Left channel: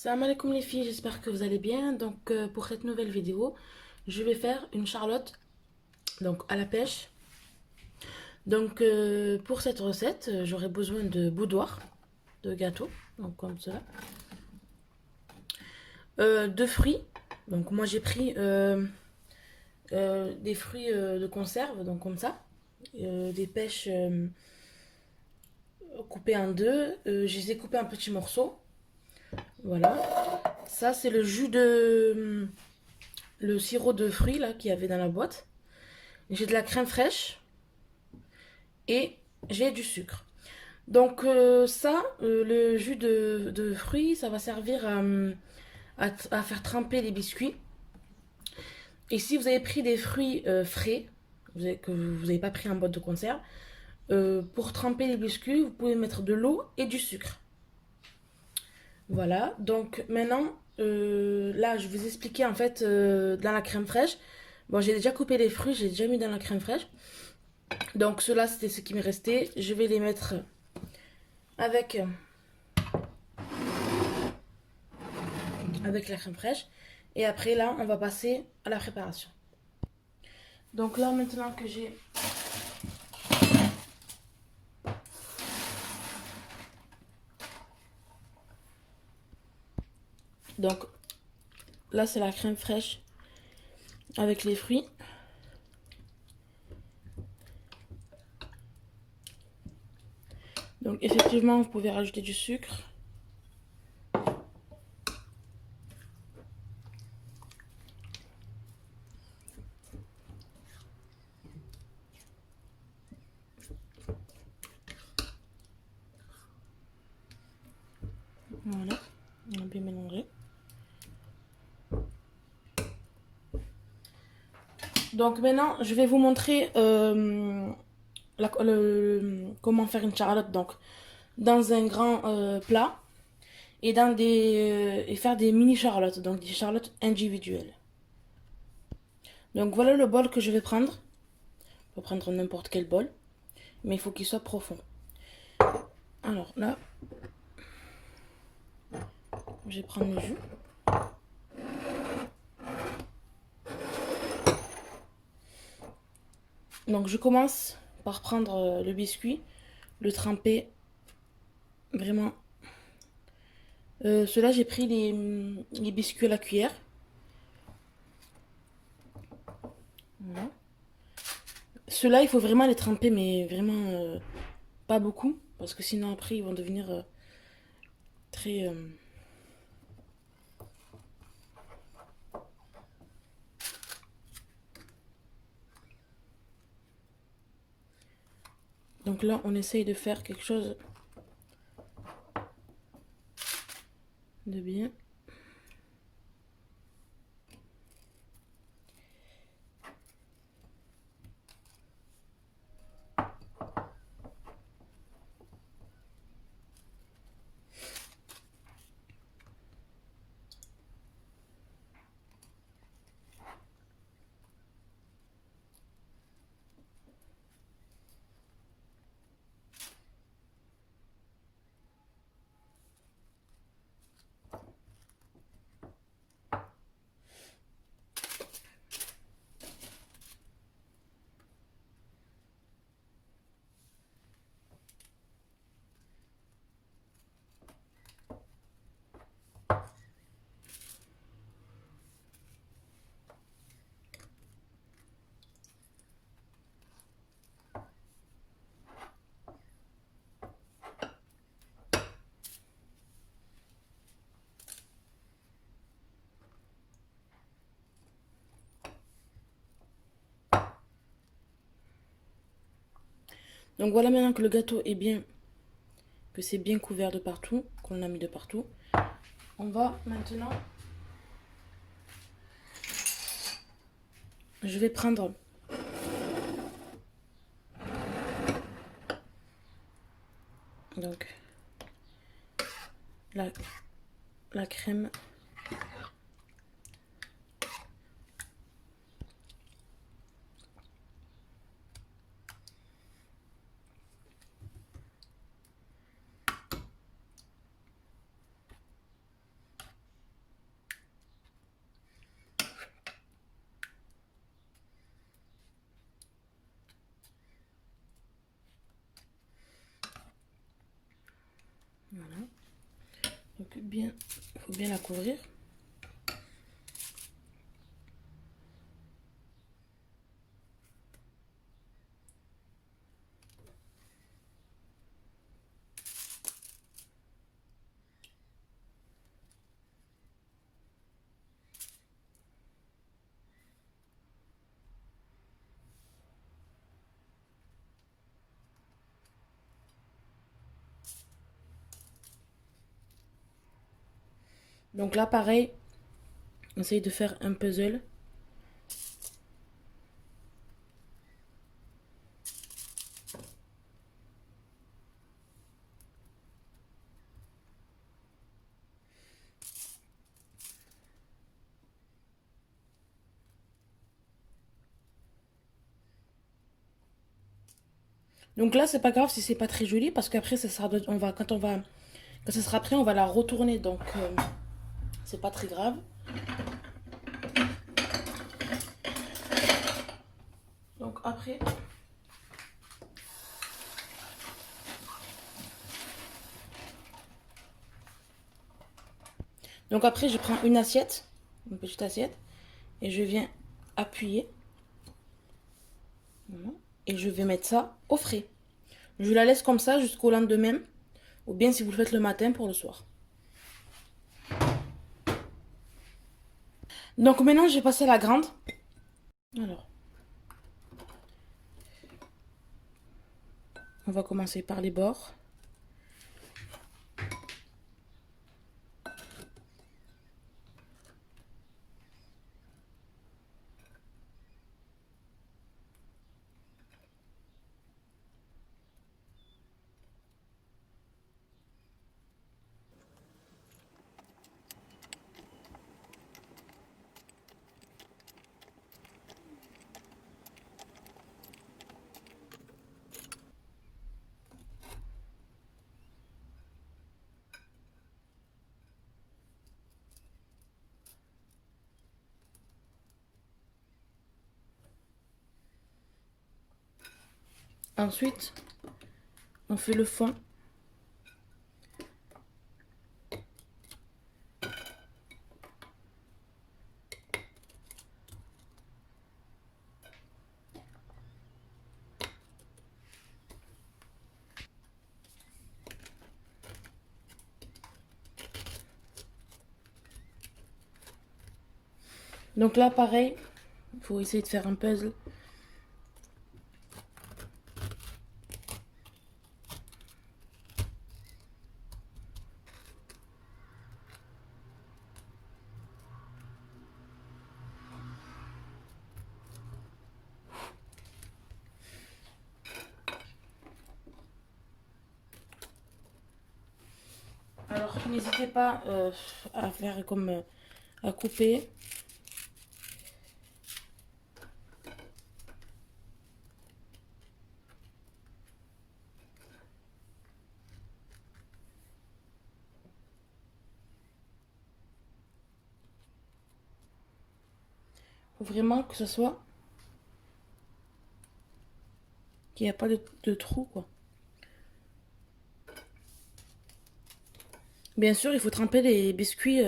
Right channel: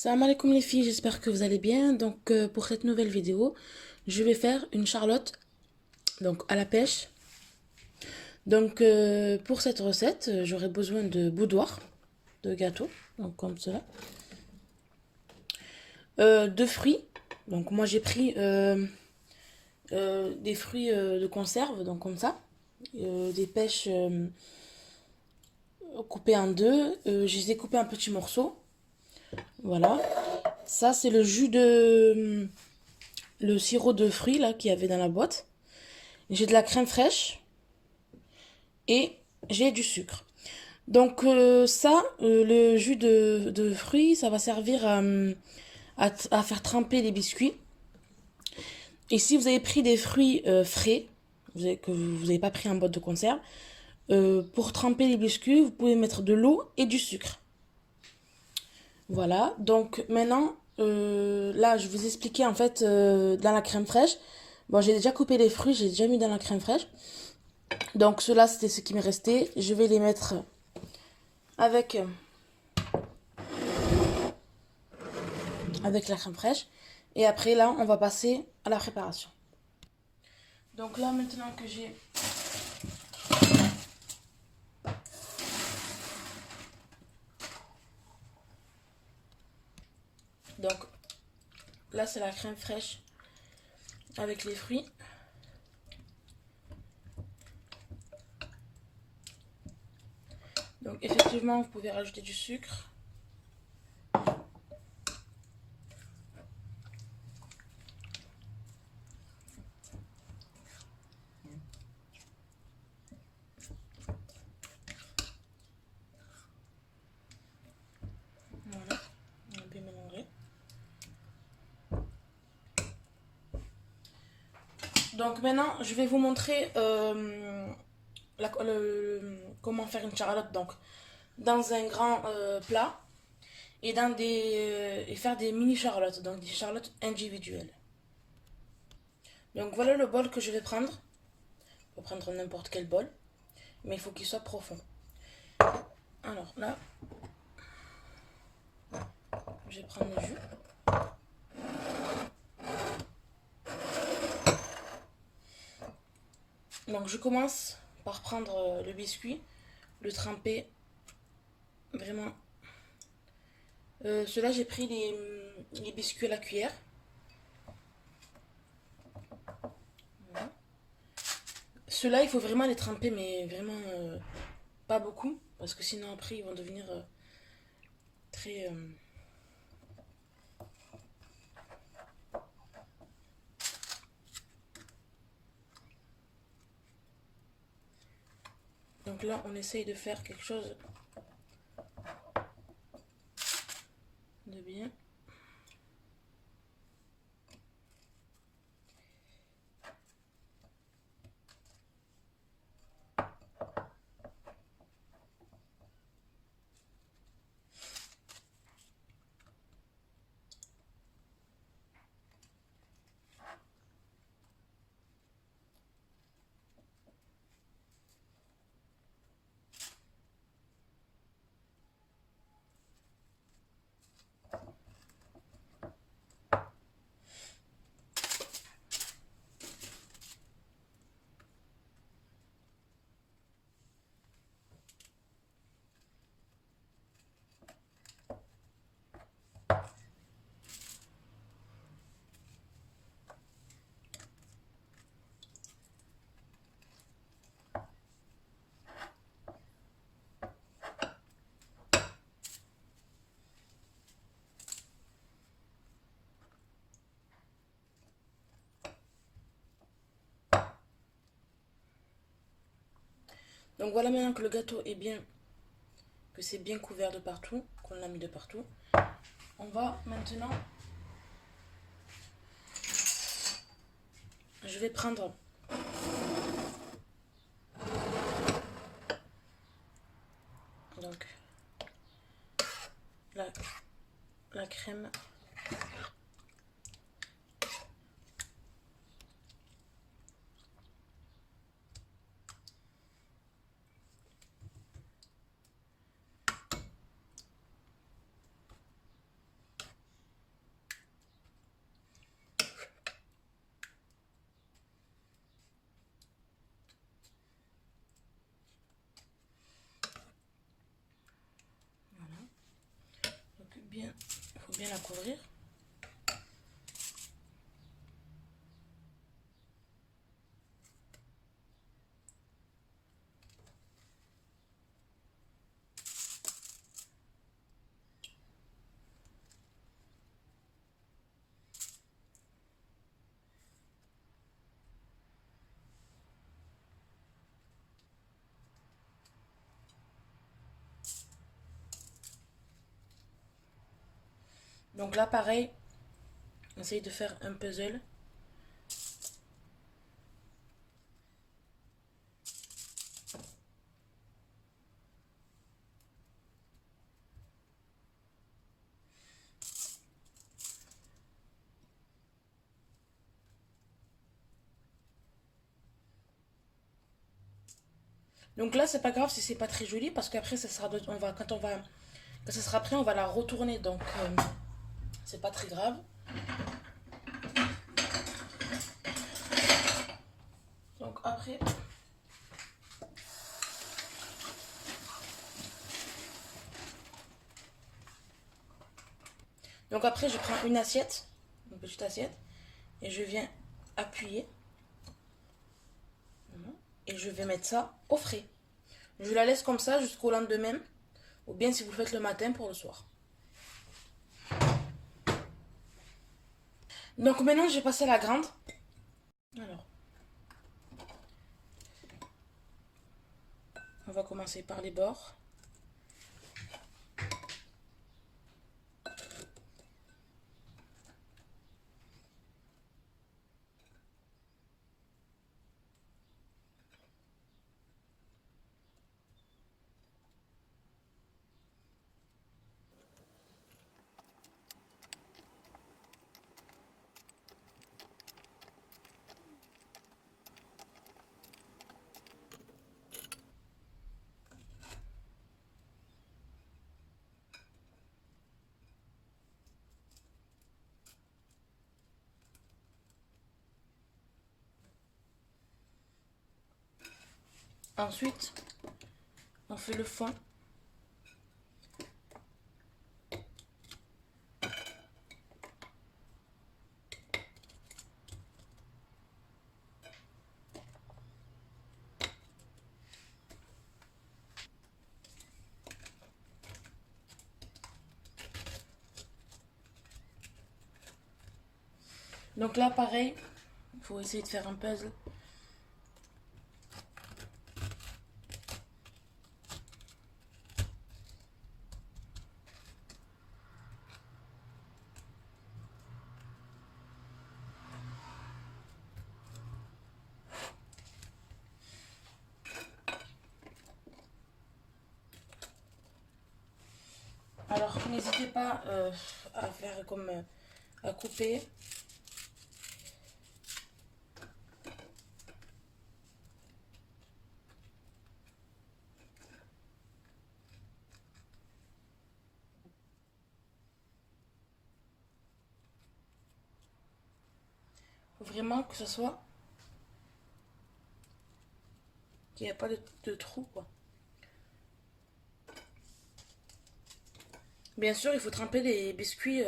Salam alaikum les filles, j'espère que vous allez bien. Pour cette nouvelle vidéo, je vais faire une charlotte à la pêche. Pour cette recette, j'aurai besoin de boudoir, de gâteau, donc comme cela. De fruits. Donc moi j'ai pris des fruits de conserve, donc comme ça. Des pêches coupées en deux. Je les ai coupées en petits morceaux. Voilà. Ça c'est le jus de le sirop de fruits là qu'il y avait dans la boîte. J'ai de la crème fraîche et j'ai du sucre. Le jus de fruits, ça va servir à faire tremper les biscuits. Et si vous avez pris des fruits frais, que vous n'avez pas pris en boîte de conserve, pour tremper les biscuits, vous pouvez mettre de l'eau et du sucre. Voilà, donc maintenant, là, je vais vous expliquer en fait dans la crème fraîche. Bon, j'ai déjà coupé les fruits, j'ai déjà mis dans la crème fraîche. Donc, cela, c'était ce qui me restait. Je vais les mettre avec, avec la crème fraîche. Et après, là, on va passer à la préparation. Donc là, maintenant que j'ai... Donc, là, c'est la crème fraîche avec les fruits. Donc, effectivement, vous pouvez rajouter du sucre. Voilà, on a bien mélangé. Donc maintenant, je vais vous montrer comment faire une charlotte. Donc, dans un grand plat et faire des mini charlottes, donc des charlottes individuelles. Donc voilà le bol que je vais prendre. On peut prendre n'importe quel bol, mais il faut qu'il soit profond. Alors là, je vais prendre le jus. Donc je commence par prendre le biscuit, le tremper vraiment. Ceux-là, j'ai pris les biscuits à la cuillère. Voilà. Ceux-là, il faut vraiment les tremper, mais vraiment pas beaucoup, parce que sinon après ils vont devenir très... Donc là, on essaye de faire quelque chose de bien. Donc voilà, maintenant que le gâteau est bien, que c'est bien couvert de partout, qu'on l'a mis de partout, on va maintenant... Je vais prendre donc la, la crème. Donc bien, il faut bien la couvrir. Donc là, pareil, on essaye de faire un puzzle. Donc là, c'est pas grave si c'est pas très joli parce qu'après, ça sera, quand ça sera prêt, on va la retourner. Donc, c'est pas très grave. Donc après, je prends une assiette, une petite assiette, et je viens appuyer. Et je vais mettre ça au frais. Je la laisse comme ça jusqu'au lendemain, ou bien si vous le faites le matin pour le soir. Donc maintenant, j'ai passé la grande. Alors, on va commencer par les bords. Ensuite, on fait le fond. Donc là, pareil, il faut essayer de faire un puzzle. Alors, n'hésitez pas à faire comme à couper. Faut vraiment que ce soit qu'il n'y a pas de trou, quoi. Bien sûr, il faut tremper les biscuits,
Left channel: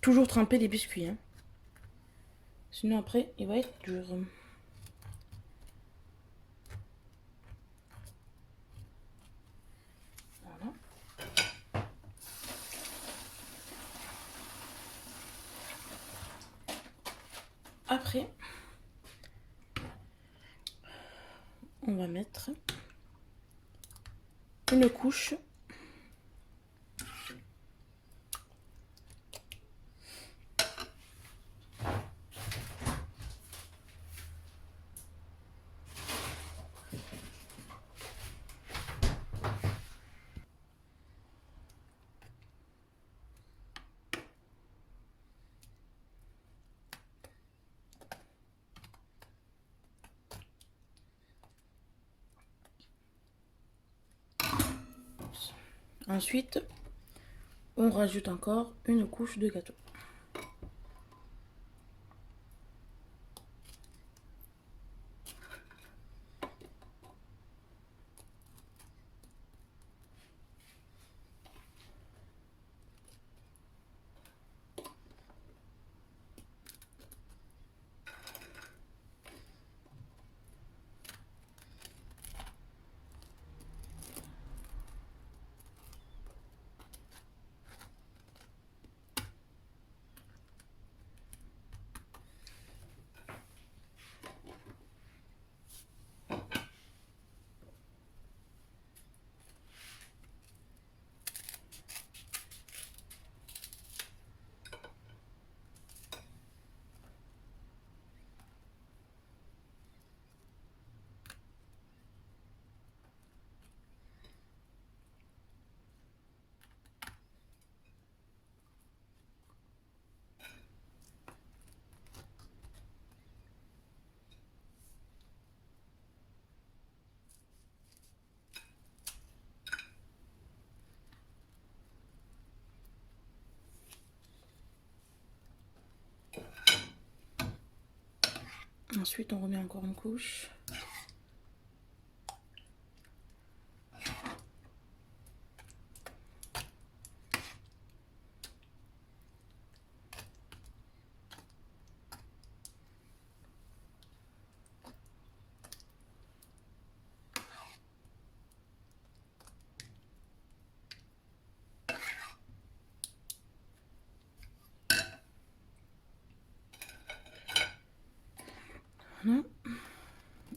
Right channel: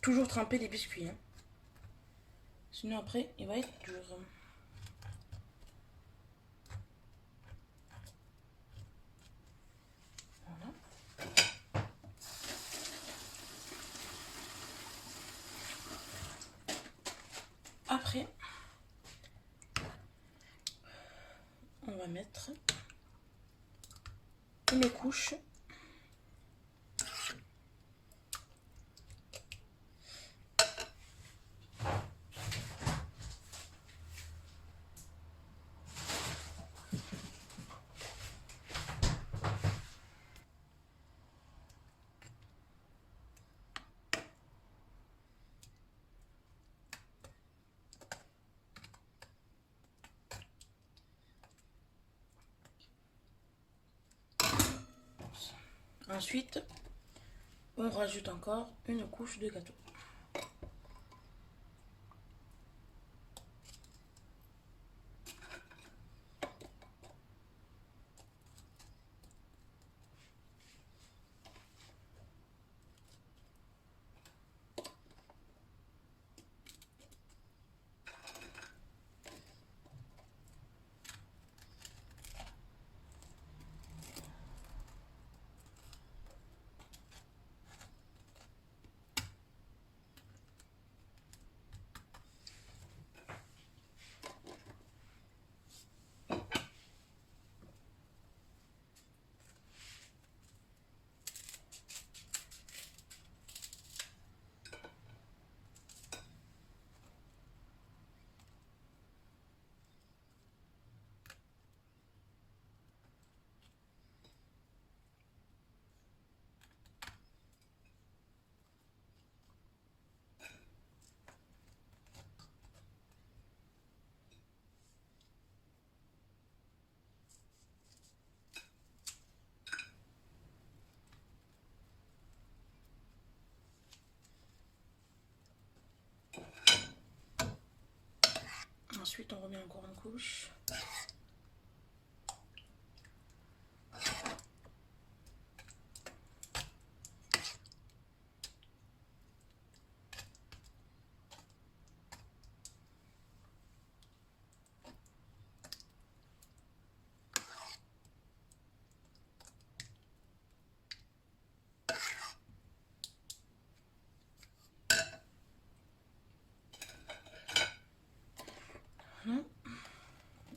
toujours tremper les biscuits, hein. Sinon après, il va être dur. Voilà. Après, on va mettre une couche. Ensuite, on rajoute encore une couche de gâteau. Ensuite, on remet encore une couche.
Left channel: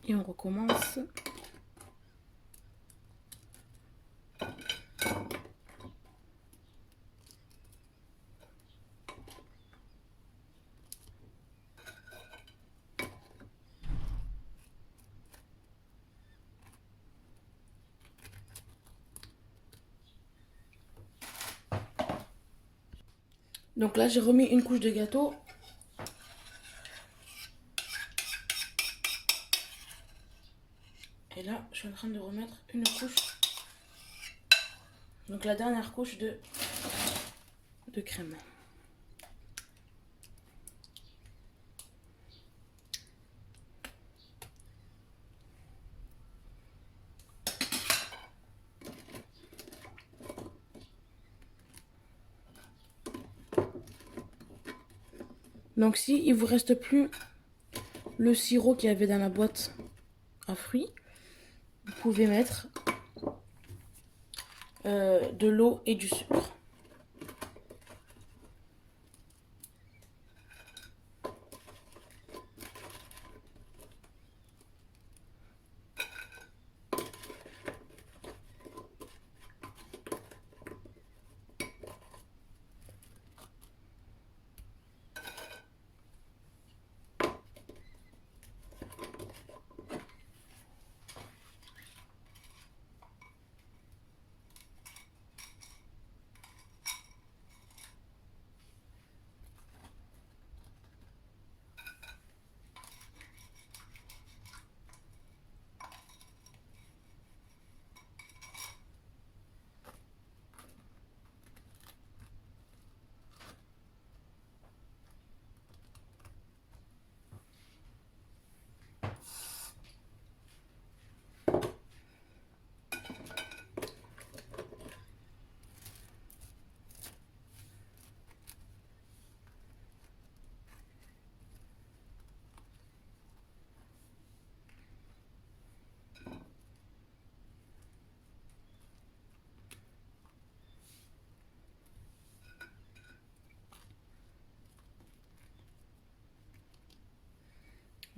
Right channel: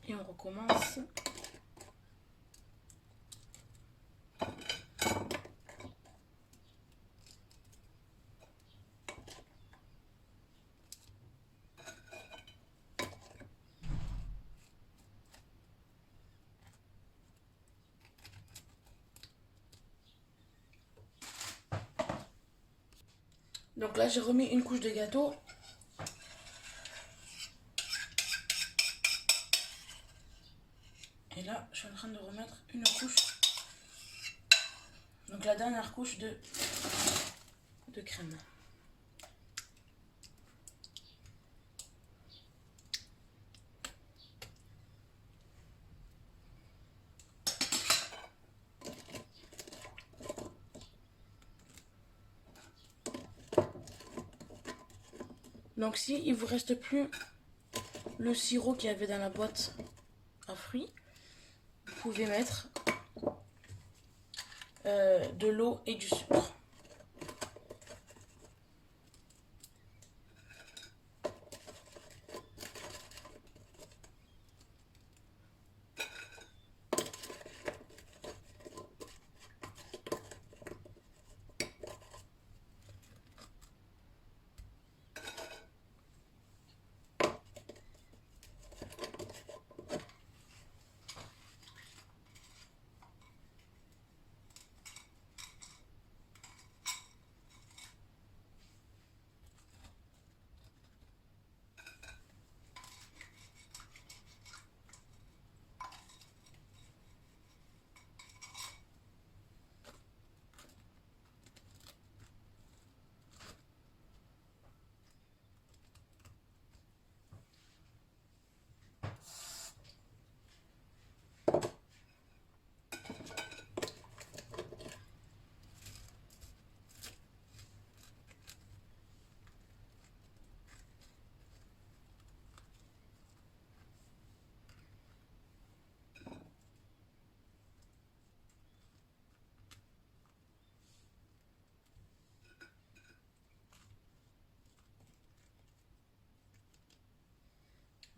Et on recommence. Donc là, j'ai remis une couche de gâteau. Et là, je suis en train de remettre une couche. Donc la dernière couche de crème. Donc si il vous reste plus le sirop qu'il y avait dans la boîte à fruits, vous pouvez mettre de l'eau et du sucre.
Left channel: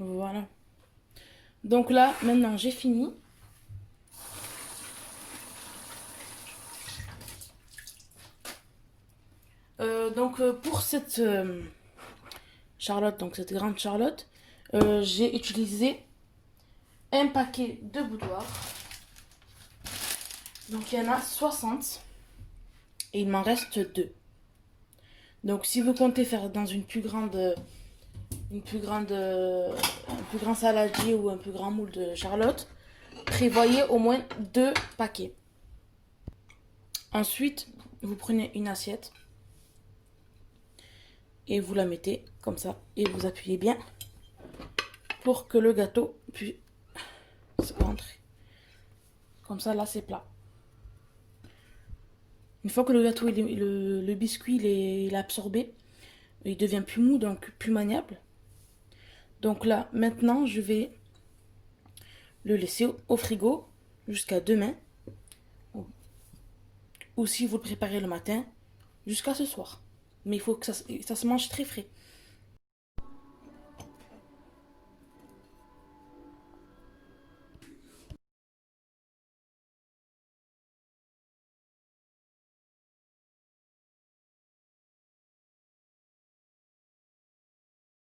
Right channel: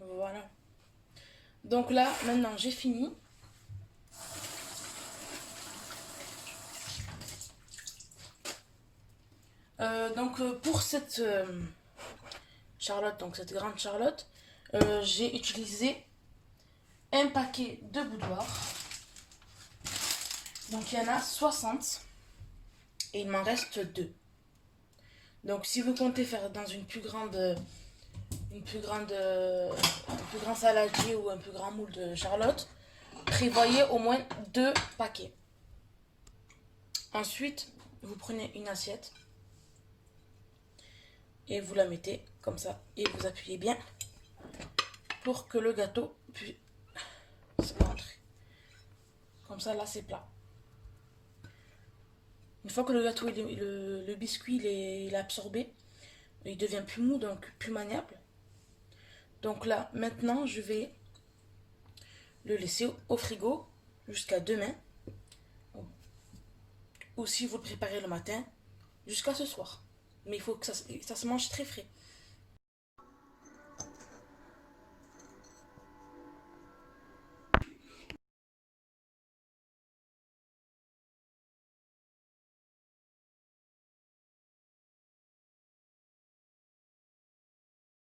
Voilà. Donc là, maintenant, j'ai fini. Pour cette Charlotte, donc cette grande Charlotte, j'ai utilisé un paquet de boudoir. Donc il y en a 60 et il m'en reste 2. Donc si vous comptez faire dans un plus grand saladier ou un plus grand moule de Charlotte, prévoyez au moins 2 paquets. Ensuite, vous prenez une assiette et vous la mettez comme ça et vous appuyez bien pour que le gâteau puisse rentrer. Comme ça, là, c'est plat. Une fois que le gâteau, le biscuit, il est absorbé, il devient plus mou, donc plus maniable. Donc là, maintenant, je vais le laisser au frigo jusqu'à demain. Ou si vous le préparez le matin, jusqu'à ce soir. Mais il faut que ça se mange très frais.